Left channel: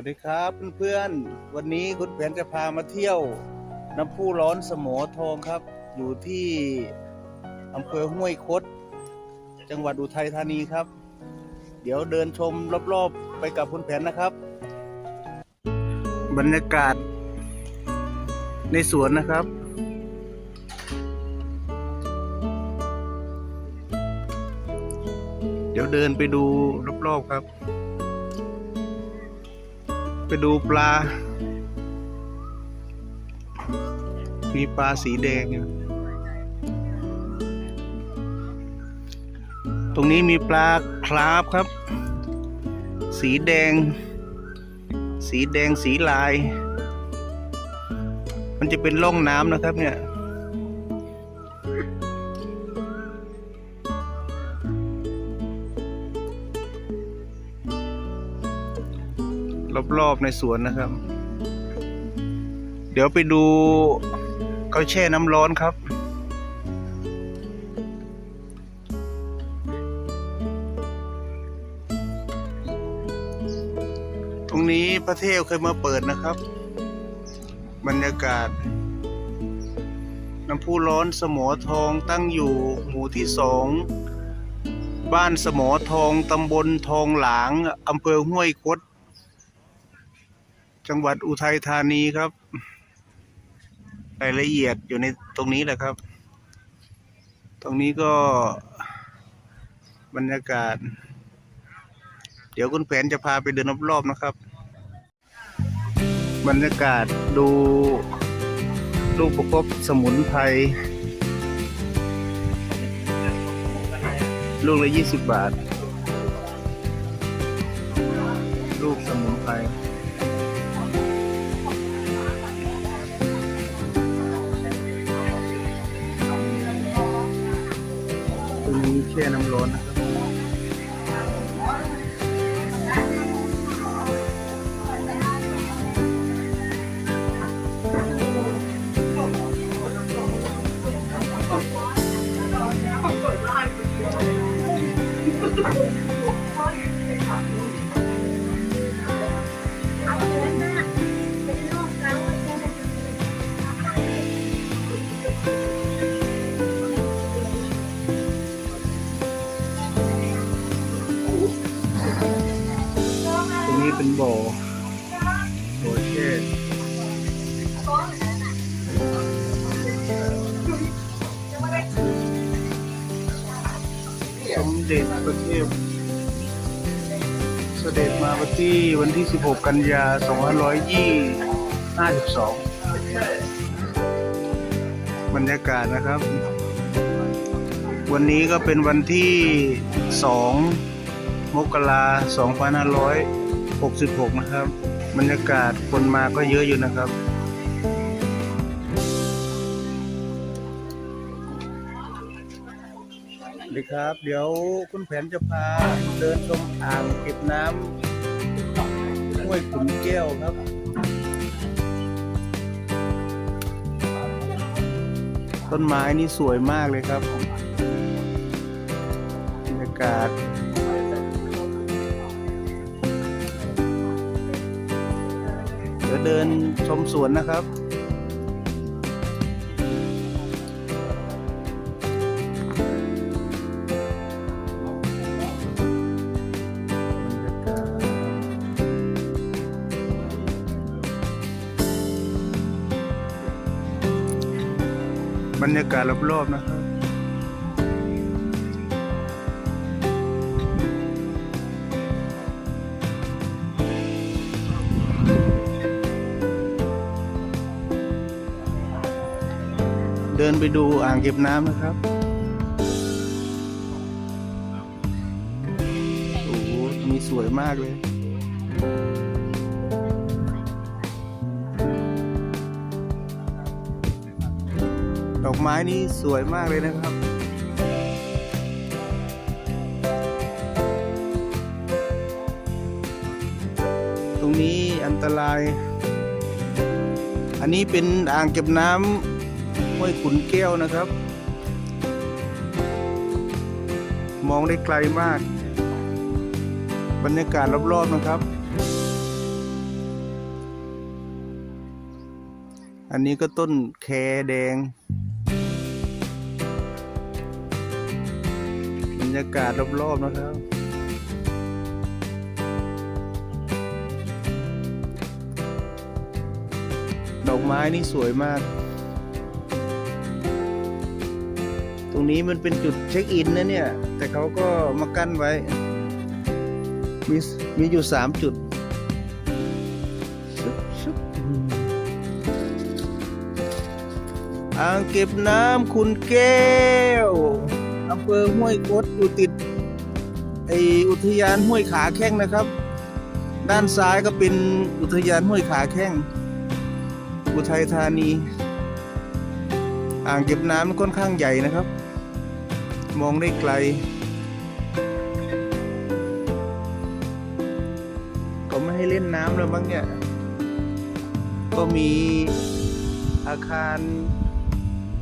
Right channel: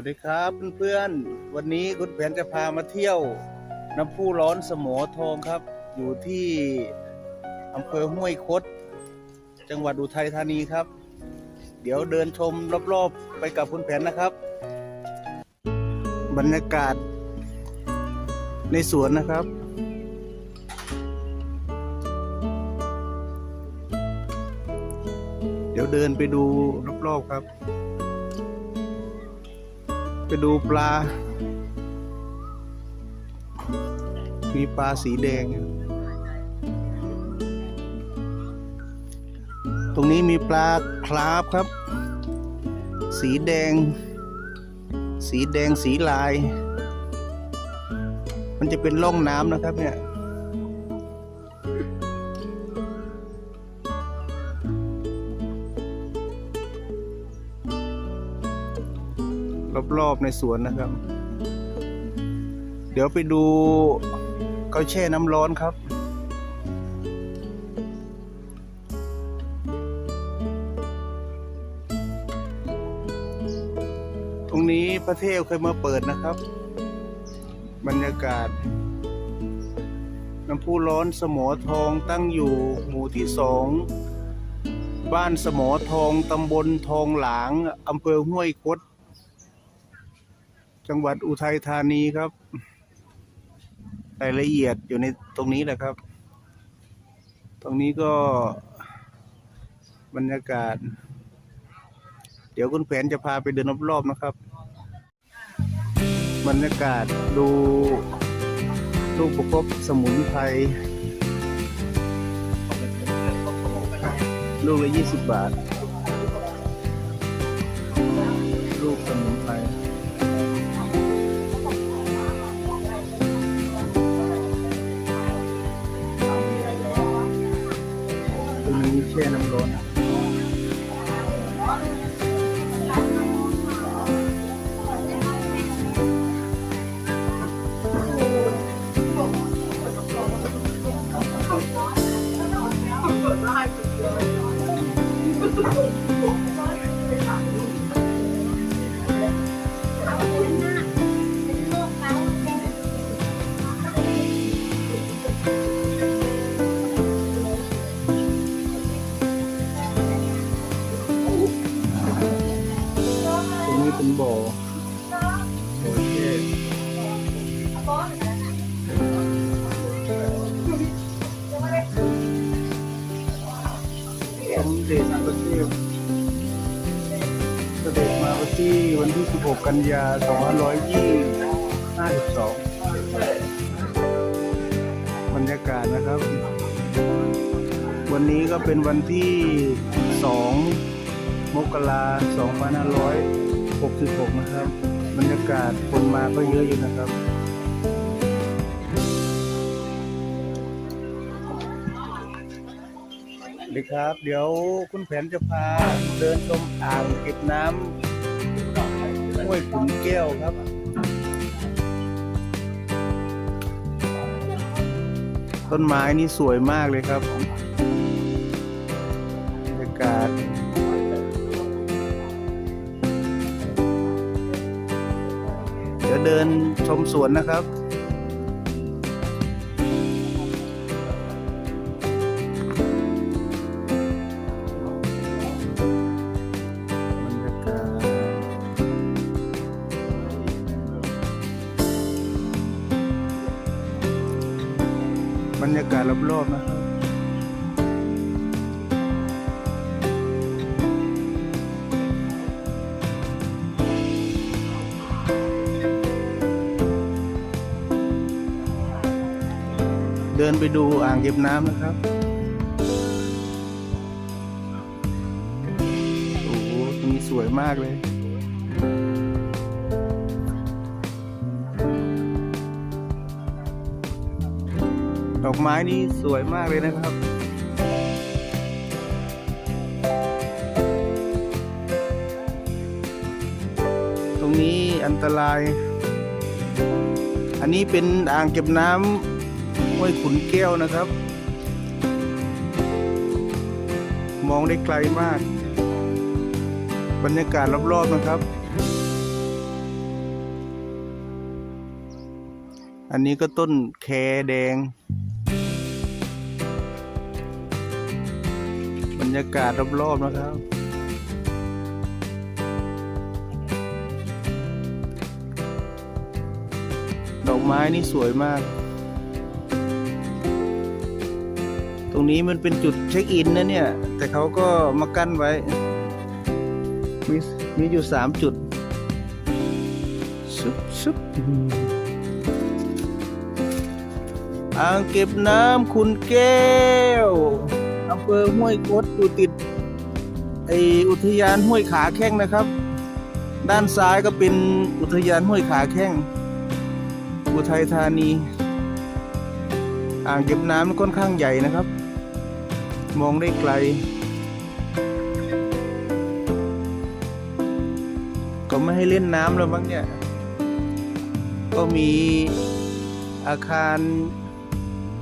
วัสดีครับเพื่อนๆ วันนี้คุณแผนจะพามาเที่ยวน้ำพุร้อนสมอทองครับ อยู่ที่อำเภอห้วยคด จังหวัดอุทัยธานีครับ เดี๋ยวเดินชมรอบๆไปกับคุณแผนนะครับ บรรยากาศในสวนนะครับเดี๋ยวเดินไปดูรอบๆครับ ไปดูปลา มีปลาสีแดง ตรงนี้มีปลาคราฟครับ สีแดง สีแดงสีลาย มันจะเป็นร่องน้ำนะครับเนี่ย รอบๆในสวนนะครับ เดี๋ยวไปดูเขาแช่น้ำร้อนครับ ตรงนี้พระเทพเคยมาเปิดนะครับ บรรยากาศ น้ำพุร้อนสมอทองตั้งอยู่หมู่ที่สองบ้านสมอทอง ตำบลทองหลาง อำเภอห้วยคด จังหวัดอุทัยธานีครับรายละเอียดอยู่ในตรงนี้แหละครับ ตรงนี้ก็บรรยากาศ เดี๋ยวคุณแผนจะพาไปเดินรอบๆนะครับ บรรยากาศดูลูกประคบสมุนไพรลูกละยี่สิบบาท 16 กันยา 2552บรรยากาศนะครับ วันนี้ก็เป็นวันที่ 2 มกรา2566 นะครับ บรรยากาศคนมาก็เยอะอยู่นะครับสวัสดีครับ เดี๋ยวคุณแผนจะพาเดินชมอ่างเก็บน้ำ ต้นไม้นี่สวยมากเลยครับบรรยากาศจะเดินชมสวนนะครับ เก็บน้ำนะครับ โอ้โหตรงนี้สวยมากเลยดอกไม้นี่สวยมากเลยนะครับตรงนี้อันตราย อันนี้เป็นอ่างเก็บน้ำ ขุนแก้วนะครับ มองได้ไกลมาก บรรยากาศรอบๆนะครับ อันนี้ก็ต้นแคแดง บรรยากาศรอบๆนะครับดอกไม้นี่สวยมาก นี้มันเป็นจุดเช็คอินนะเนี่ย แต่เขาก็มากั้นไว้ มีมีอยู่สามจุดอ่างเก็บน้ำคุณแก้วอำเภอห้วยคดอยู่ติดไออุทยานห้วยขาแข้งนะครับ ด้านซ้ายก็เป็นอุทยานห้วยขาแข้งอุทัยธานี อ่างเก็บน้ำค่อนข้างใหญ่นะครับ มองได้ไกล ก็ไม่ให้เล่นน้ำแล้วมั้งเนี่ย ก็มีอาคาร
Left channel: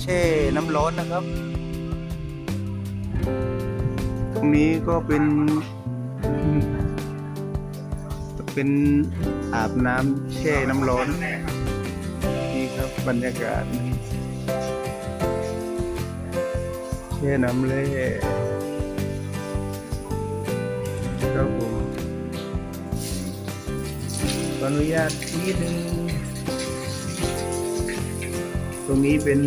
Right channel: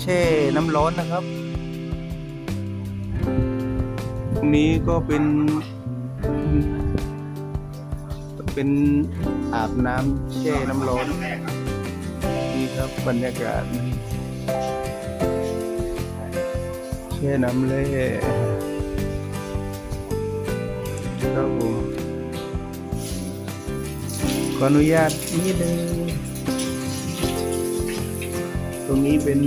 แช่น้ำร้อนนะครับตรงนี้ก็เป็น เป็นอาบน้ำแช่น้ำร้อนนี่ครับบรรยากาศแช่น้ำ ออนุญาตนิดนึงตรงนี้เป็น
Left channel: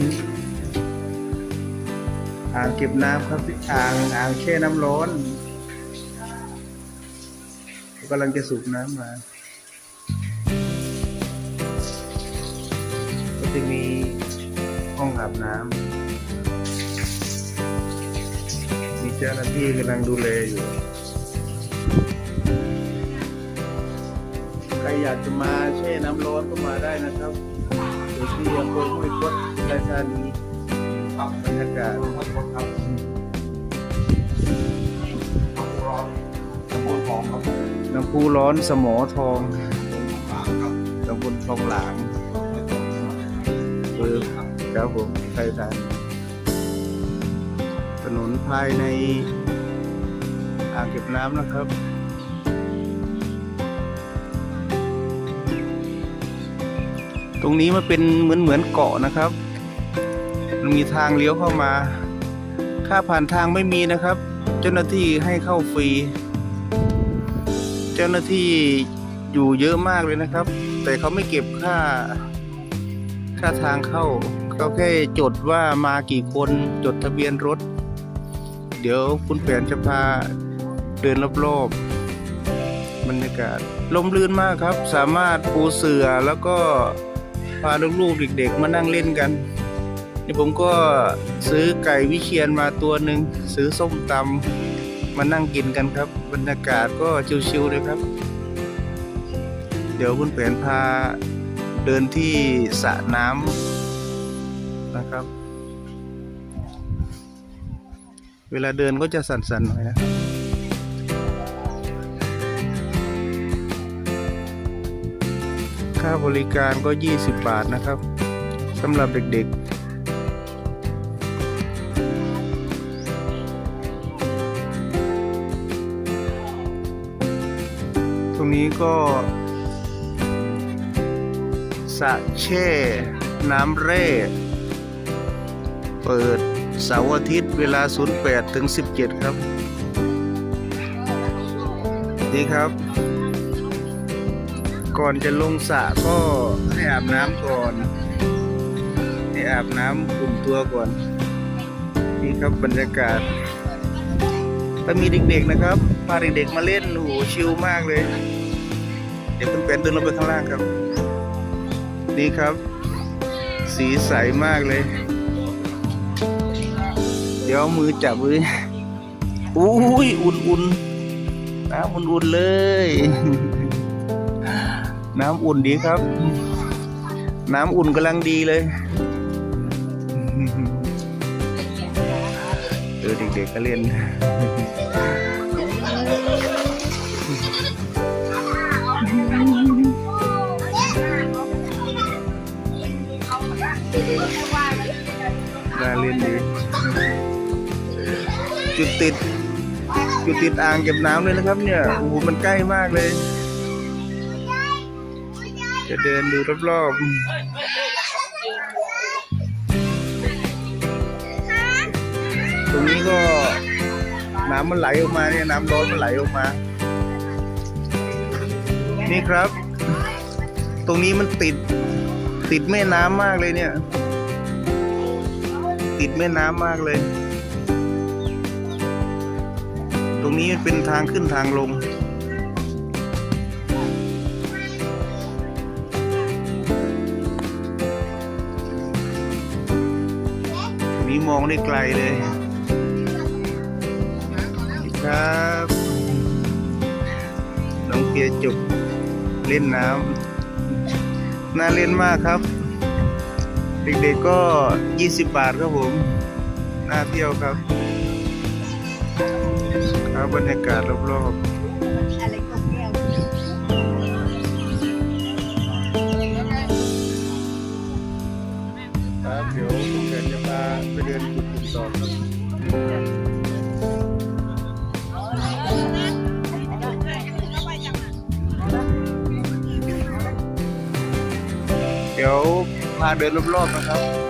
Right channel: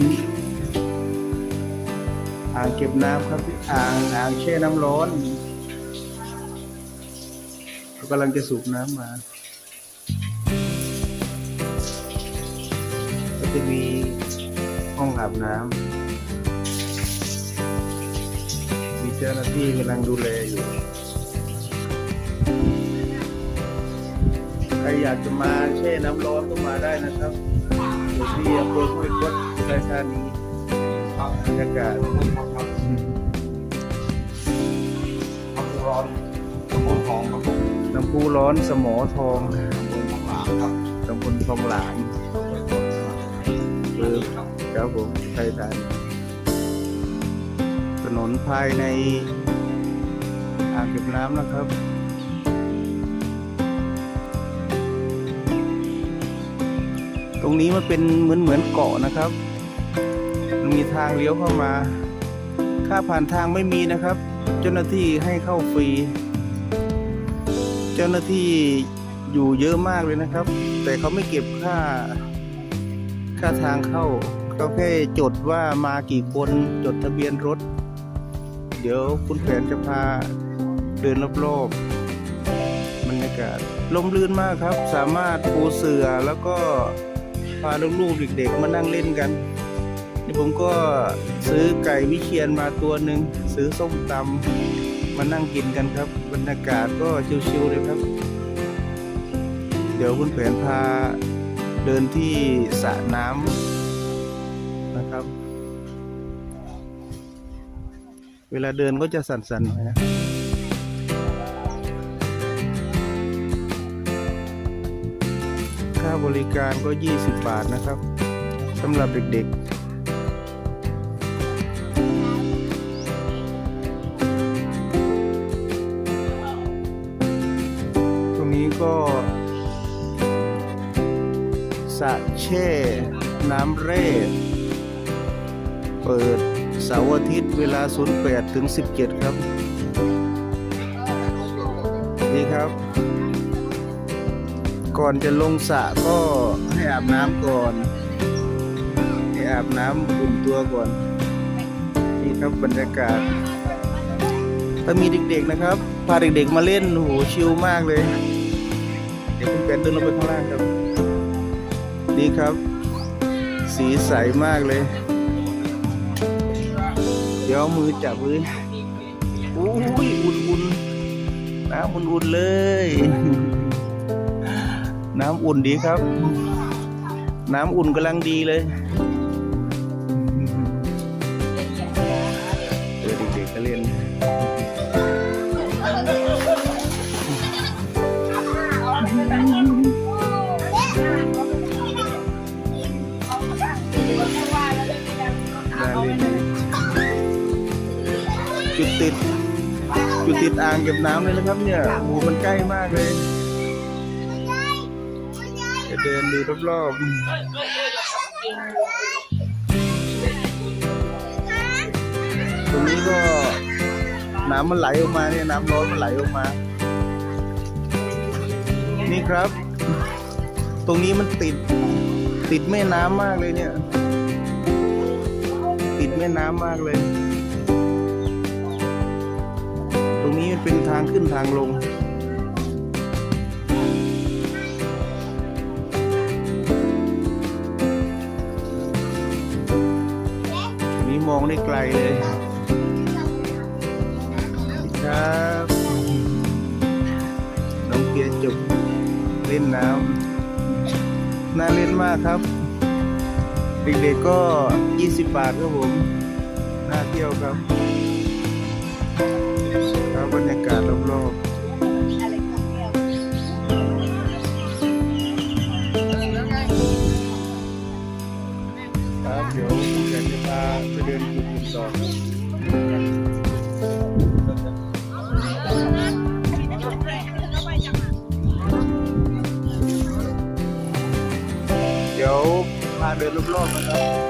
อ่างเก็บน้ำครับอ่างอ่างแช่น้ำร้อนเรากำลังจะสูบน้ำมา ภายในอ่างเก็บน้ำนะครับตรงนี้มันเป็นเหมือนเหมือนเกาะนะครับ มันมีทางเลี้ยวเข้ามา ค่าผ่านทางไม่มีนะครับ เจ้าหน้าที่ให้เข้าฟรี เจ้าหน้าที่อยู่เยอะมากเลยนะครับ แต่เขาไม่เก็บค่า ค่าทางเข้าเขาแค่จดว่ามากี่คน จดทะเบียนรถ เดี๋ยวคุณแผนจะพาเดินรอบๆบรรยากาศลมลื่นมากครับ สามารถปูเสือแล้วก็พาลูกๆเด็กๆมานั่งเล่นกันนี่ผมก็ซื้อไก่วิเชียนมาตัวหนึ่งซื้อส้มตำมานั่งกินกันครับ บรรยากาศก็ชิวๆเลยครับ เดี๋ยวคุณแผนพาเดินที่สระน้ำ เวลาเดินก็จะสั่นๆหน่อยนะค่าบริการก็ 20 บาทนะครับสำหรับเด็กๆ เสาร์อาทิตย์เวลา 08ถึง17 ครับ นี่ครับ ก่อนจะลงสระก็ให้อาบน้ำก่อนให้อาบน้ำอุ่นตัวก่อน นี่ครับบรรยากาศ ถ้ามีเด็กๆนะครับพาเด็กๆมาเล่นโหชิลมากเลย เดี๋ยวคุณเป็นเดินลงไปข้างล่างครับ นี่ครับ สีใสมากเลย มือจับเลยอุ้ยอุ่นๆน้ำอุ่นๆเลย น้ำอุ่นดีครับ น้ำอุ่นกำลังดีเลย ดติดอยู่ติดอ่างเก็บน้ำเลยนะครับเนี่ยโอ้มันใกล้มากเลย จะเดินดูรอบๆตรงนี้ก็น้ำมันไหลออกมาเนี่ยน้ำร้อนมันไหลออกมา นี่ครับ ตรงนี้มันติดติดแม่น้ำมากเลยเนี่ยางลงนี่มองได้ไกลเลยครับน้องเกียจุกเล่นน้ำน่าเล่นมากครับ เด็กๆก็ 20 บาทครับผม น่าเที่ยวครับ cabelo bloco.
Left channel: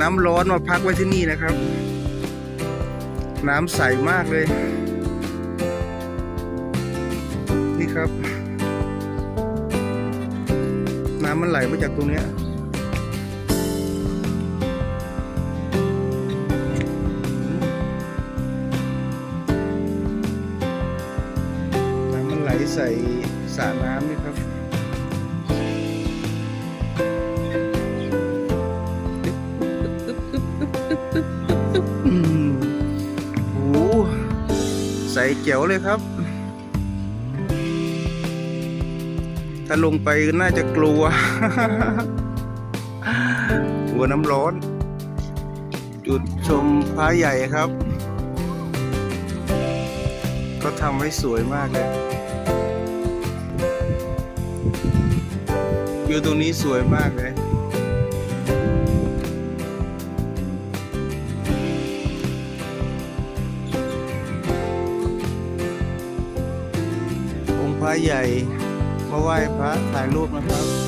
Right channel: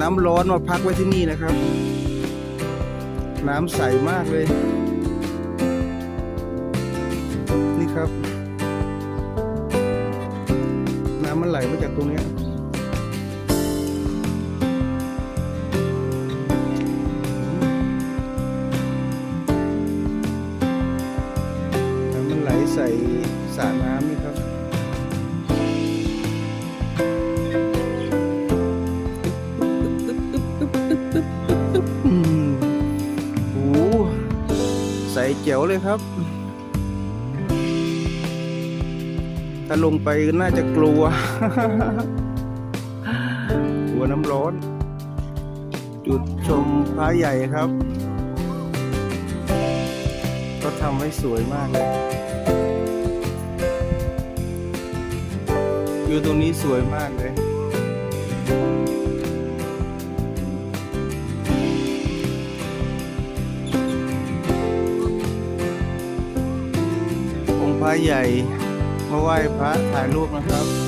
น้ำร้อนมาพักไว้ที่นี่นะครับ น้ำใสมากเลย ไปน่าจะกลัว กลัวน้ำร้อน จุดชมพระใหญ่ครับ ก็ทำให้สวยมากอยู่ตรงนี้สวยมากเลย ทางลูกนะครับ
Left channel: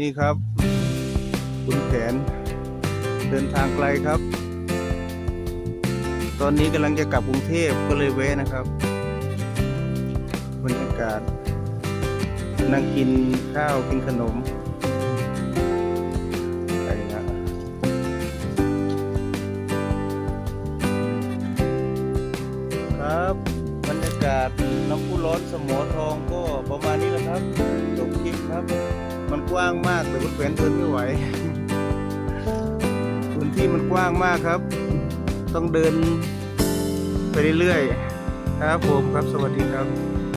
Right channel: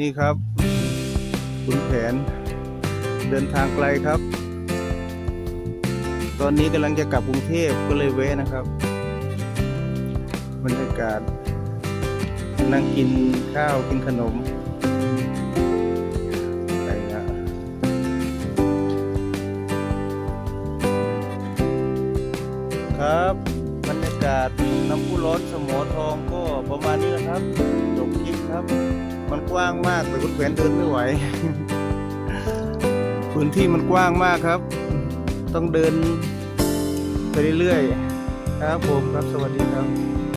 นี่ครับ